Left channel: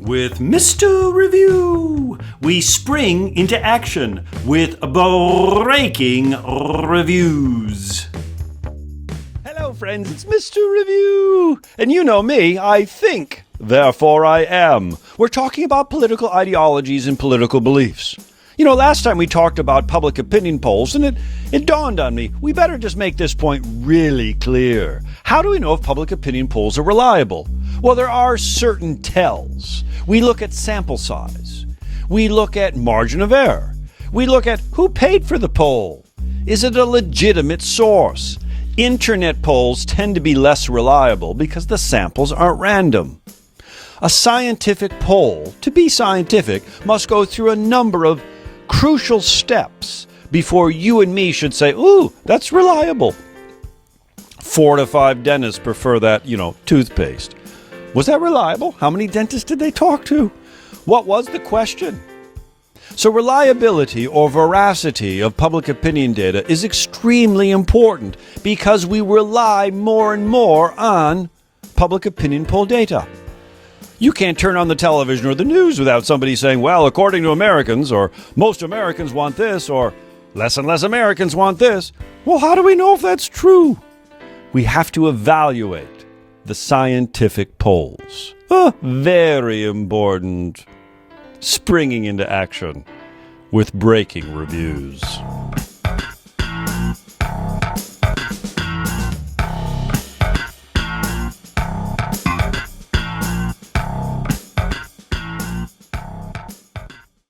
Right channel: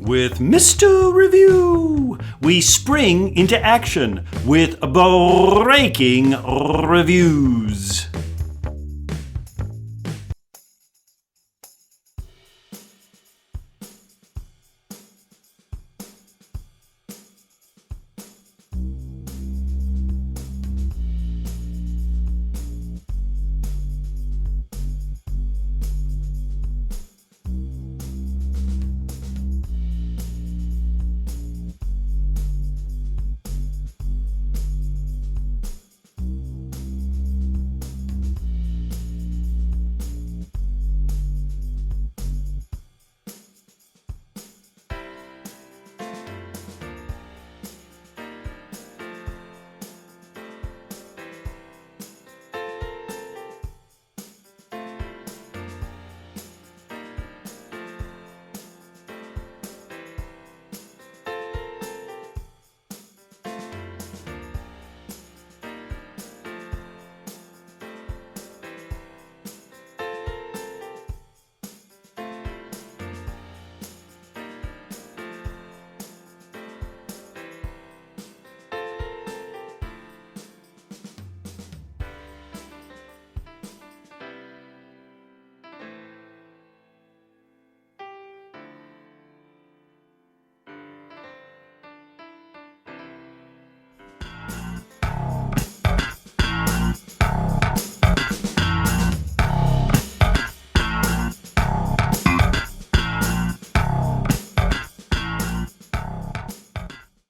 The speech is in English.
With Mr. Review, we spring into action with breaking reviews. Hello, friends, it's Mr. Review. And you know me, I think, therefore I am. We're talking about political ideologies and political beliefs. You know, last time we talked about public opinion polls, and it dawned on me, we better just make this point really clear. How do we know if public opinion polls are reliable? Well, there are certain tells. We look at sample size. We look at margin of error. We look at who paid for the poll. Is it a legitimate source? Internet polls tend to be less reliable because the samples aren't random. A scientific poll, to be scientific, must go through a number of crucial steps before you and me should say, ooh, that's reliable. 4 to 5 dentists prefer that, toothpaste. Was that reliable? How many dentists did they talk to? What was the question? So reliability or veracity of public opinion data is extremely important because we rely more and more on public opinion poll data. You can't turn on the television or the news without somebody saying, well, according to Americans, or most Americans want this, or less and less Americans want this. Well, how do we know if that's true? We have to evaluate the scientific polls. Very important. Springing into action with breaking reviews.